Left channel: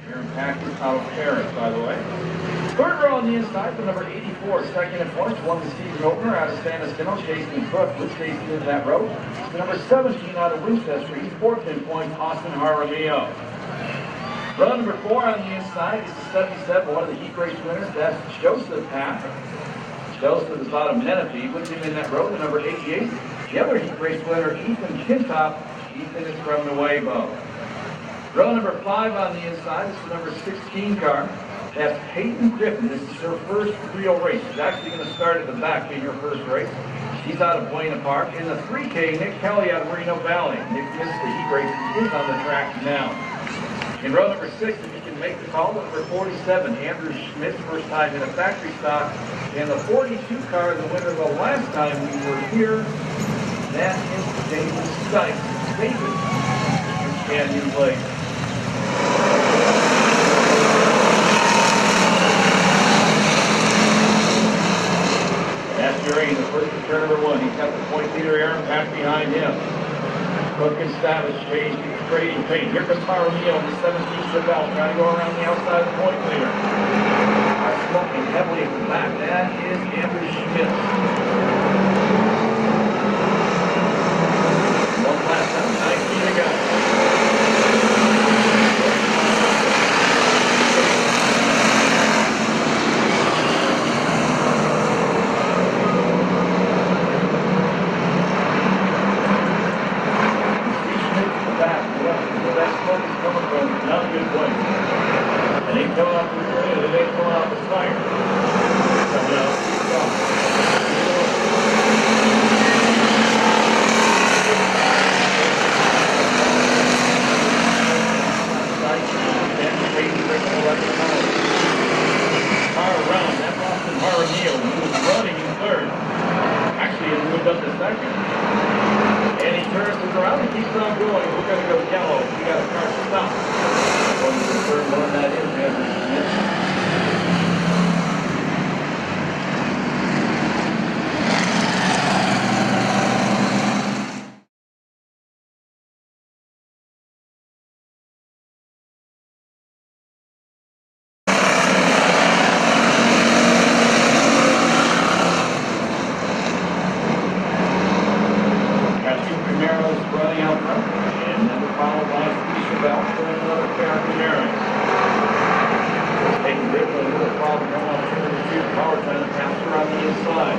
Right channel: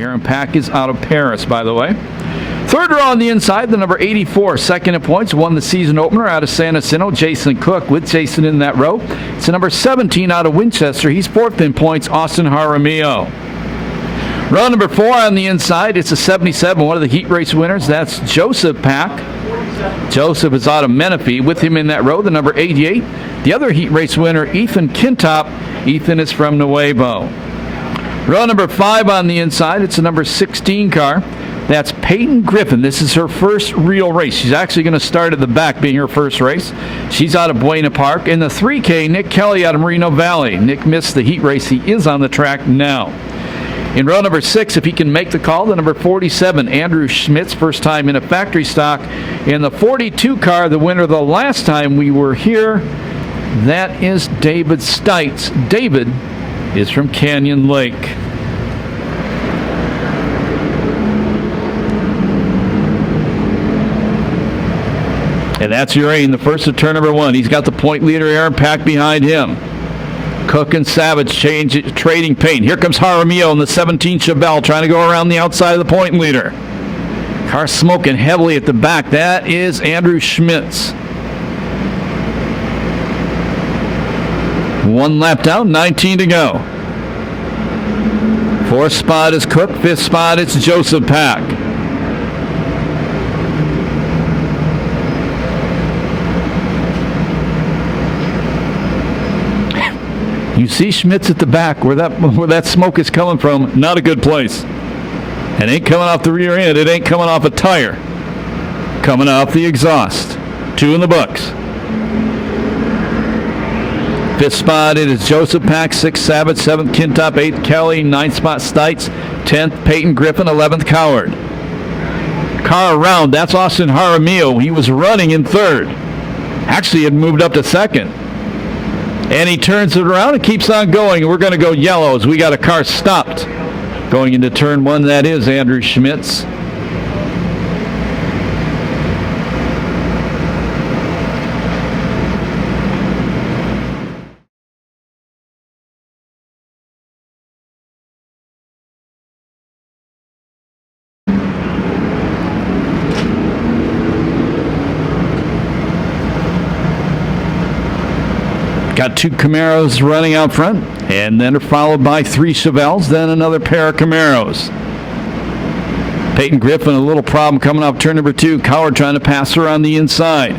Aaron Pack is out of Perris, by the way. Third row on the inside, the number 84, second in points, won the season opener out of San Jacinto, Jason Cook with Jason in that row. It's the number 17 out of Winchester. He's fourth in points, Austyn Jaramillo. Row number 4 on the inside, it's a 77, one of the heat race winners. That's Joseph Pack. Joseph is out of Menifee. With him in that row, the number 88. The other heat race winner, Ethan Kintop. Ethan is from Nuevo. Row number 5 on the inside, it's a number 16 car. That's Peyton Griffin. This is her first real race. She's actually going to start at the back, being her first race. She's out of Buena Park. In the 3K, Nick Kelly out of Moreno Valley. Nick missed the heat race. He is on the track now. In row number 6, if he can make the call, the number 47, Andrew Schmitz, first time in a factory stock. In the 42 car, the winner the last time we were here, that is David Stites. David is from Canyon Lake. And that's Uraine, the first of turn number 1. He's got the point leader, Aaron Pack, behind him. Cook and Savage trading paint. Here comes Jaramillo in the 17 Chevelle, trying to go around the outside of the point leader. Car smoking heavily at the back. That is Andrew Schmitz. 1 lap down, 19 to go. 4th spot is Cook, 5th spot it's Joseph Pack. You see Schmitz at the back, where that smoke is coming from. Not a good place. It ain't coming off the rear end. It ain't coming off a tire. Coming off the exhaust. 2 in the books. 5th spot it is Joseph Pack, 6th Savage, 7th Kintop, 8th Kelly, 9th spot Stites, 10th Peyton Griffin, 11th Coward. Car around, that's Austyn Jaramillo. He was running in 3rd. Actually, it moved up to 2nd. And he turns it around and keeps on going. We're going to go yellow as we got a car stopped. Going into turn 1, that is Andrew Schmitz. Got 2 Camaros running out front, and then followed by 3 Chevelles, then another pair of Camaros. Peyton Griffin, a little problem coming off turn number 2. Coward trying to pass her on the inside.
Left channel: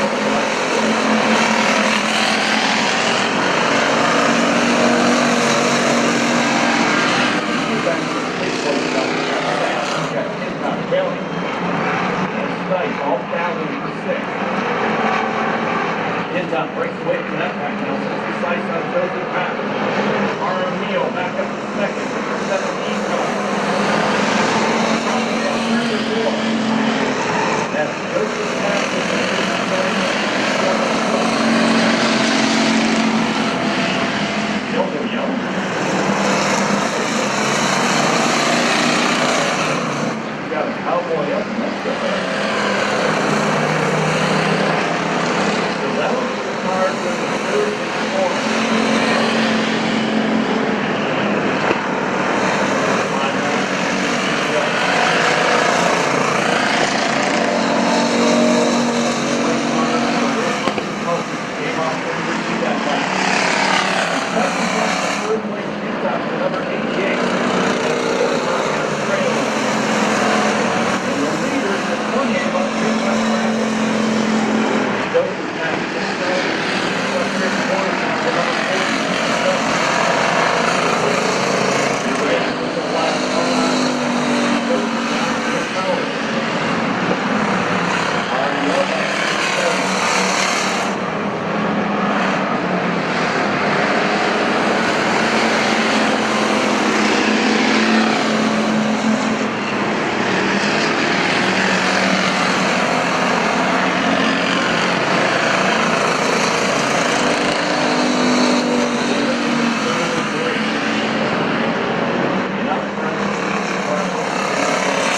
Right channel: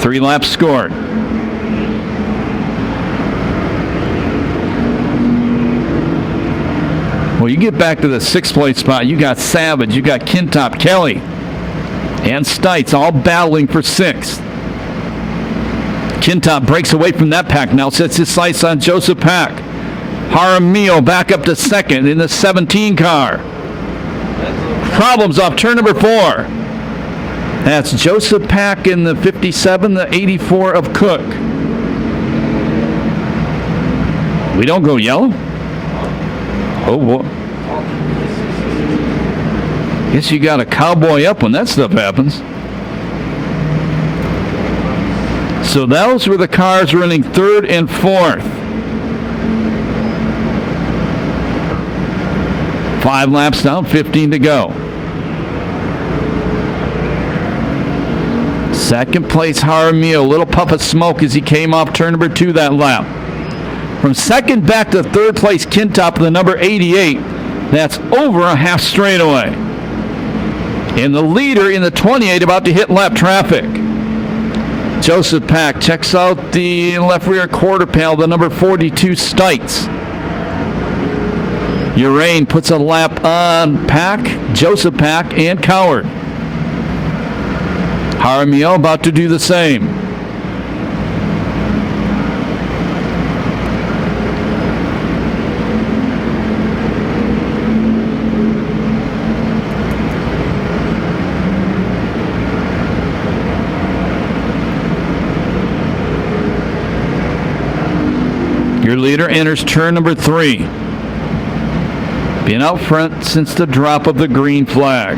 3 laps scored. Well, you get back to the 6th place spot, you got Savage, you got Kintop, Kelly, and Stites all battling for 6th. Kintop breaks away from that pack now, sets his sights on Joseph Pack. Jaramillo back up to 2nd in the 17 car. Problems off turn number 4. That's Joseph Pack in the 57, the 84 of Cook. We don't go yellow? Oh, boy. Guess you got a cowboy up when that stuff happens. So those were the cars running 3rd and 4th. 5 laps down, 15 to go. 2nd place, Jaramillo, a little puff of smoke as he came off turn number 2 that lap. From 2nd back to 3rd place, Kintop with the number 88. That's over a half straightaway. And the leader in the 28 about to hit lap traffic. Joseph Pack checks out the left rear quarter panel, the number 42 Stites. Uraine puts a lap on Pack, Joseph Pack, and Coward. Jaramillo about to do the same. Leader enters turn number 3. Been out front since the drop of the green flag.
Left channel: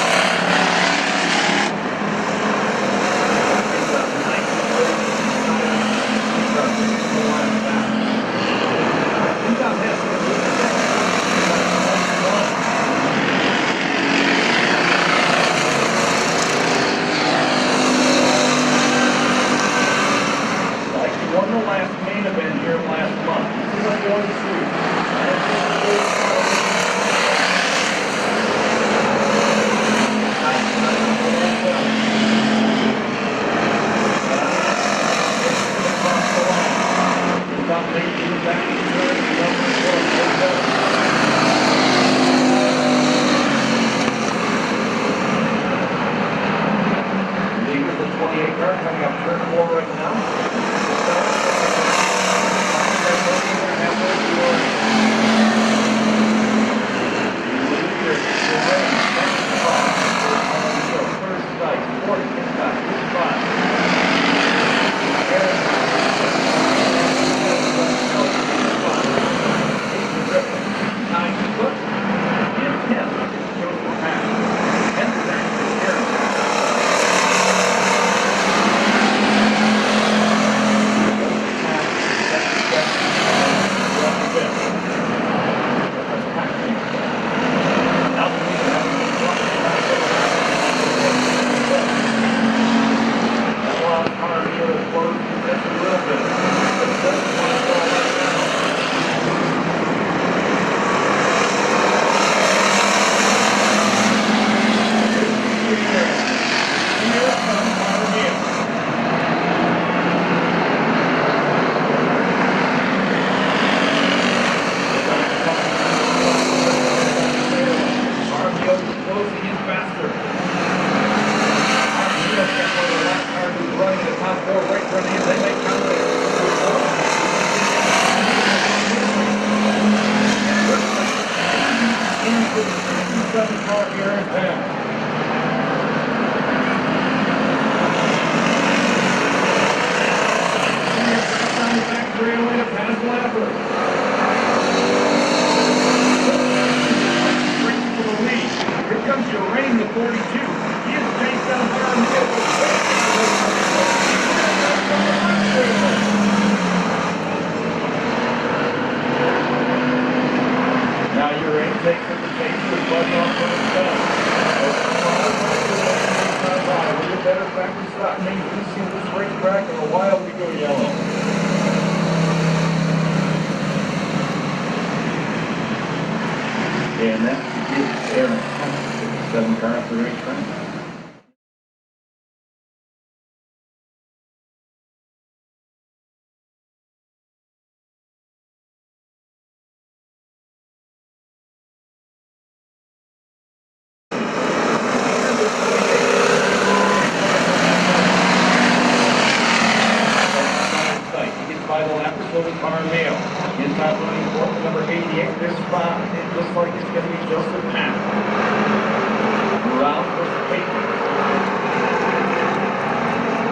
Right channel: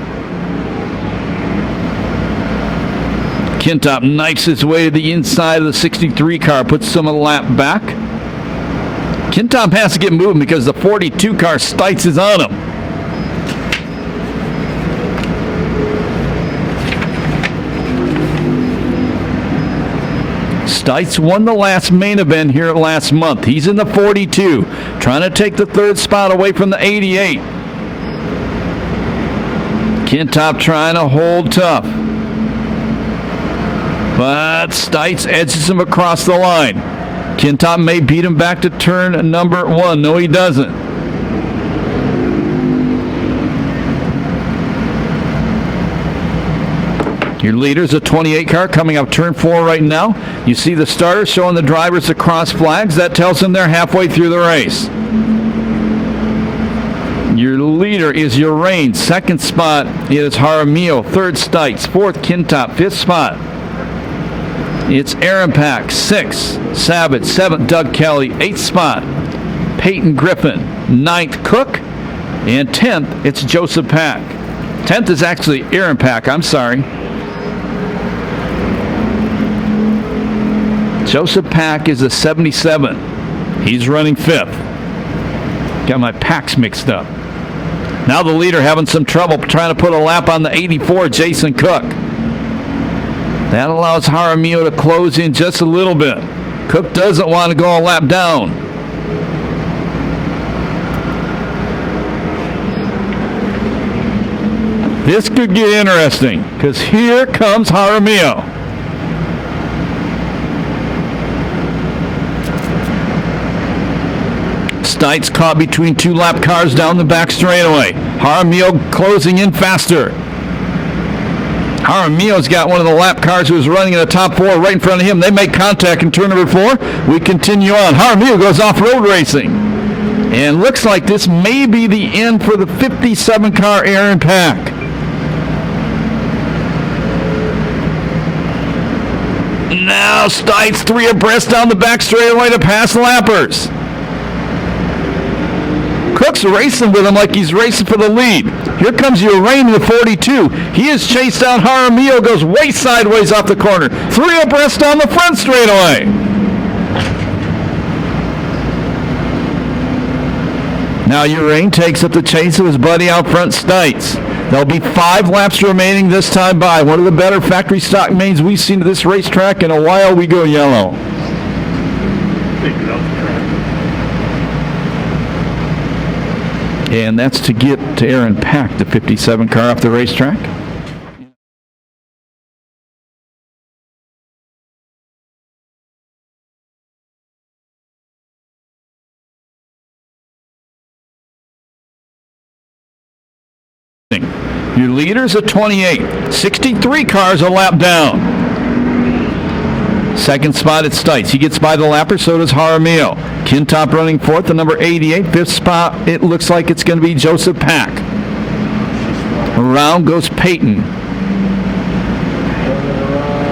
Kintop knifes his way to the inside of the 63 car, puts some a lap back. Kintop has to get moving because the 42 car Stites is on him. Stites won the last main event here last month. He's in the 42, trying to take the third spot away from the 88. Kintop trying to hold tough. But Stites edges him across the line. Kintop may beat him back to turn number 1. No, he doesn't. Your leader's a 28 car coming up turn 4 right now. You see the starter showing the drivers the cross flags. That tells them they're halfway through the race. Your leader is Uraine. Second spot is Jaramillo. Third Stites. Fourth Kintop. Fifth spot it's Aaron Pack. Sixth Sabbath. Seventh Doug Kelly. Eighth spot Peyton Griffin. Ninth Cook. And 10th it's Joseph Pack. 10th is actually Aaron Pack. I'm sorry. Joseph Pack is a 77. He's running 5th. Got my packs mixed up. Now the leader having some trouble trying to put a lap on the 84, Jason Cook. That allows Jaramillo to close in just a little bit. Cook doesn't want to go a lap down. This could get interesting because here comes Jaramillo. Stites caught between 2 lap cars down the back straightaway. Jaramillo closing in faster. Jaramillo's got one of the lap cars who was running in the top 4 right in front of him. They make contact in turn number 4. We continue on. Jaramillo goes off-road racing. And looks like this may be the end for the 57 car Aaron Pack. Now Stites 3 abreast down the back straightaway to pass lappers. Cook's racing with him like he's racing for the lead. Here comes Uraine in the 42. He is chased down. Jaramillo goes way sideways off the corner. 3 abreast on the front straightaway. Now Uraine takes up the chase of his buddy out front, Stites. There'll be 5 laps remaining this time by. One of the better factory stock mains we've seen at this racetrack in a while. We go yellow. And that's to get to Aaron Pack, the 57 car off the racetrack. Your leader's at 28. 63 cars a lap down. Second spot at Stites. He gets by the lapper, so does Jaramillo. Kintop running 4th, the number 88. 5th spot, it looks like it's going to be Joseph Pack. Around goes Peyton.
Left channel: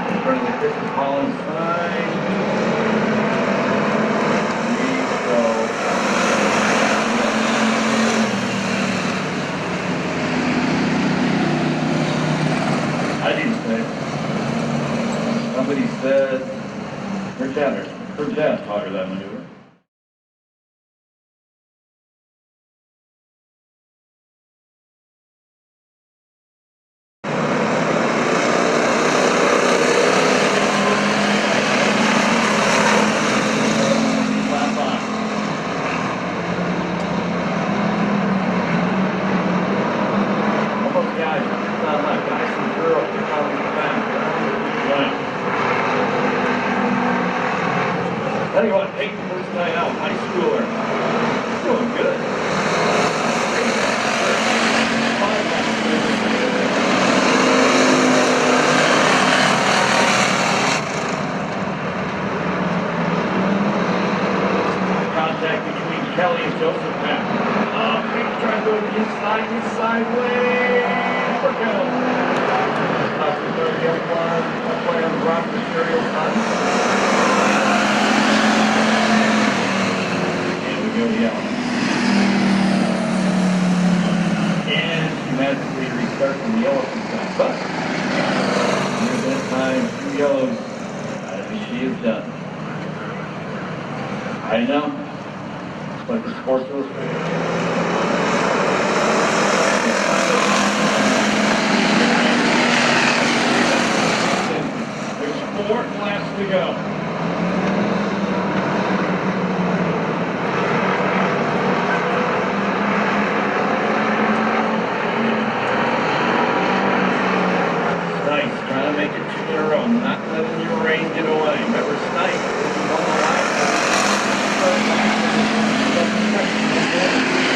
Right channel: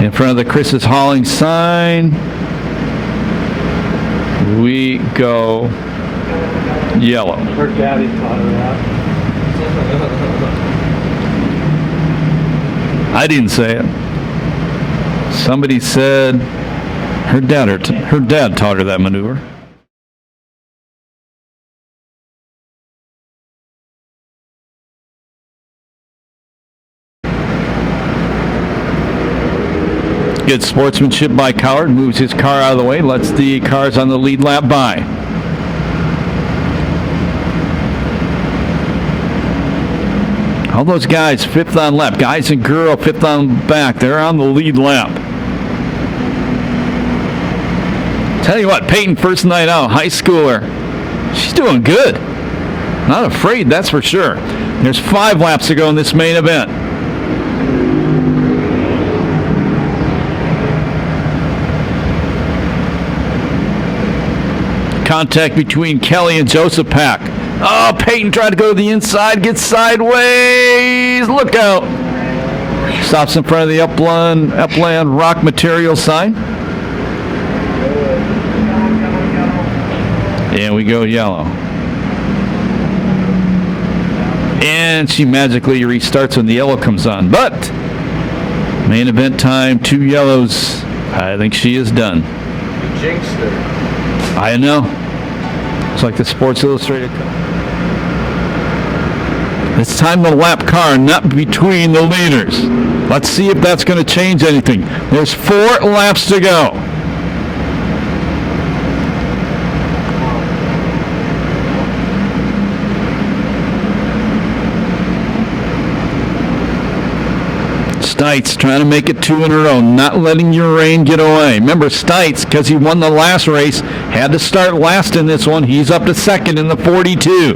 In front of the Chris is hauling sign. We go yellow. I didn't say it. Somebody said her dad taught her that maneuver. Good sportsmanship by Coward. Moves his car out of the way. Lets the cars on the lead lap by. All those guys 5th on lap. Guys and girl 5th on back. They're on the lead lap. Tell you what, Peyton, first night out, high schooler. She's doing good. Not afraid, that's for sure. There's 5 laps to go in this main event. Contact between Kelly and Joseph Pack. Oh, Peyton tried to go to the inside, gets sideways. Look out. Stops in front of the Upland Rock Material sign. And we go yellow. And she magically restarts when the yellow comes on. But main event time, 2 yellows. I think she is done. You jinxed her. I know. It's like the Sports Illustrated. It's time to lap car, not between the leaders. Let's see if that's going to change anything. There's 4 laps to go. Stites trying to make it 2 in a row, not letting Uraine get away. Remember, Stites, because he won the last race, had to start last in this one. He's up to second in the 42.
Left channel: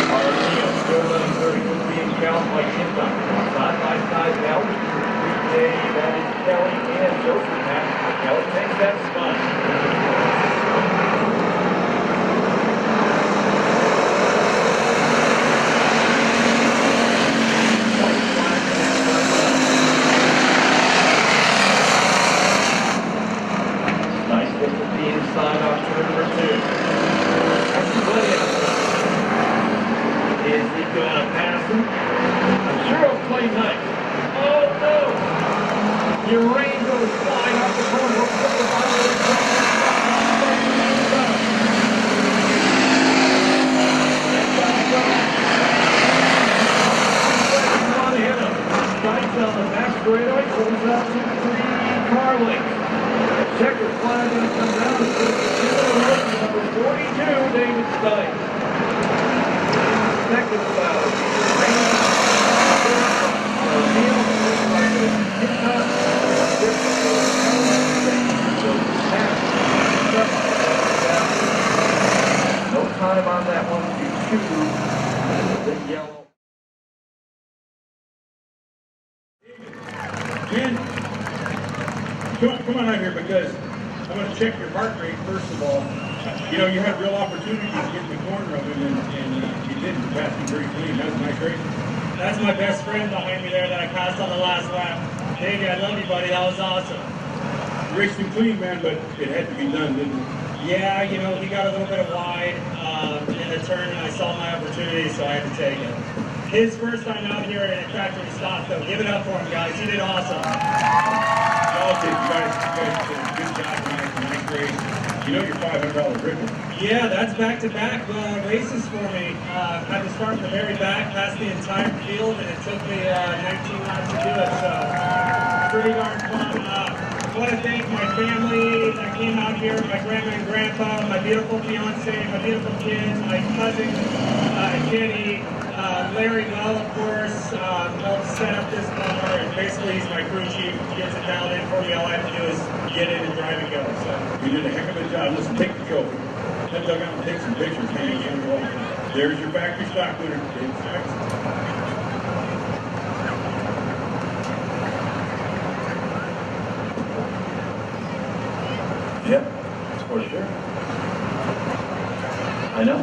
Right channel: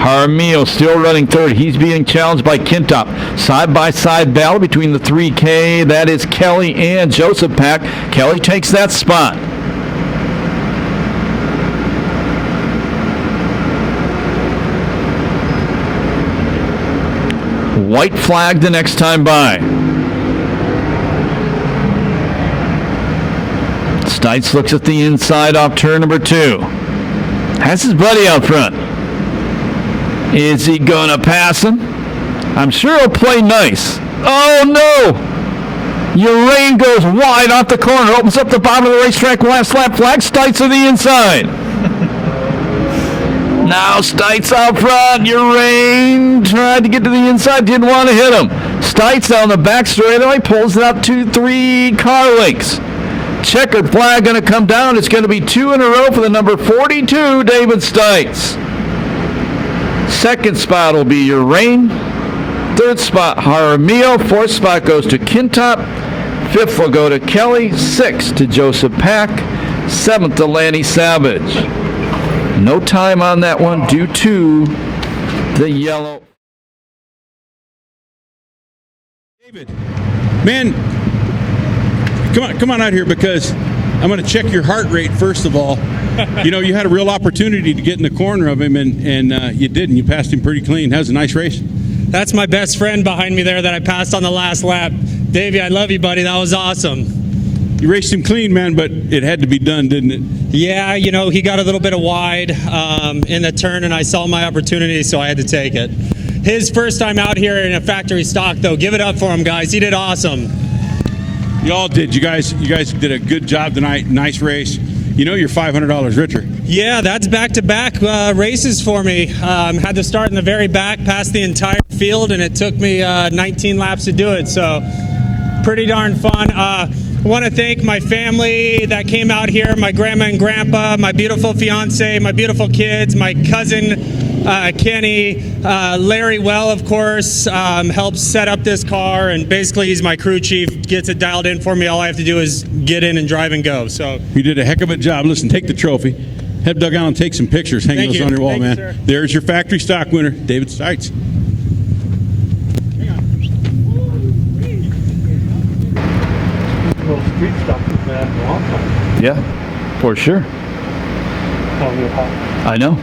Jaramillo still running third. He's being challenged by Kintop. Side-by-side battle between the 3K. That is Kelly and Joseph Pack. Kelly takes that spot. White flag the next time by. Stites looks at the inside off turn number 2. Has his buddy out front. Is he going to pass him? I'm sure he'll play nice. Oh, no! Uraine goes wide off the corner. Opens up the bottom of the racetrack. Last lap flag. Stites on the inside. Now Stites out front. Uraine tried to get to the inside. Didn't want to hit him. Stites down the back straightaway. Pulls it up 2-3 car lengths. Checkered flag going to come down. It's going to be 2 in a row for the number 42, David Stites. Second spot will be Uraine. Third spot, Jaramillo. Fourth spot goes to Kintop. Fifth will go to Kelly. Sixth to Joseph Pack. Seventh to Lanny Savage. No time on that one due to the yellow. David, man, come on out here because I'm going to check your heart rate first of all. You know, you had a real opportunity to get in the corner of him, and you didn't. You passed him pretty clean. That was a nice race. That's my best friend behind me there that I passed on the last lap. Davey, I love you, buddy. That was awesome. You raced him clean, man, but it had to be done, didn't it? Yeah, you know, he got a little bit of wide in the turn, and I saw my opportunity, so I had to take it. His first time out here in a factory stock, though. Give it up for him, guys. He did awesome. You all did. You guys did a good job tonight. Nice race. You know you're $500 richer. Yeah, that's back-to-back races for me. Had to start in the very back, past the entire field, and it took me 19 laps to do it, so pretty darn fun. I want to thank my family that came out here, my grandma and grandpa, my beautiful fiance, my beautiful kids, my cousin Kenny, Larry Well, of course, helps set up this car, and basically he's my crew chief, gets it dialed in for me. All I have to do is get in and drive and go. So you did a heck of a job. Listen, take the trophy. Head dugout and take some pictures. Hang those on your wall, man. There's your factory stock winner, David Stites. Yeah, for sure. I know.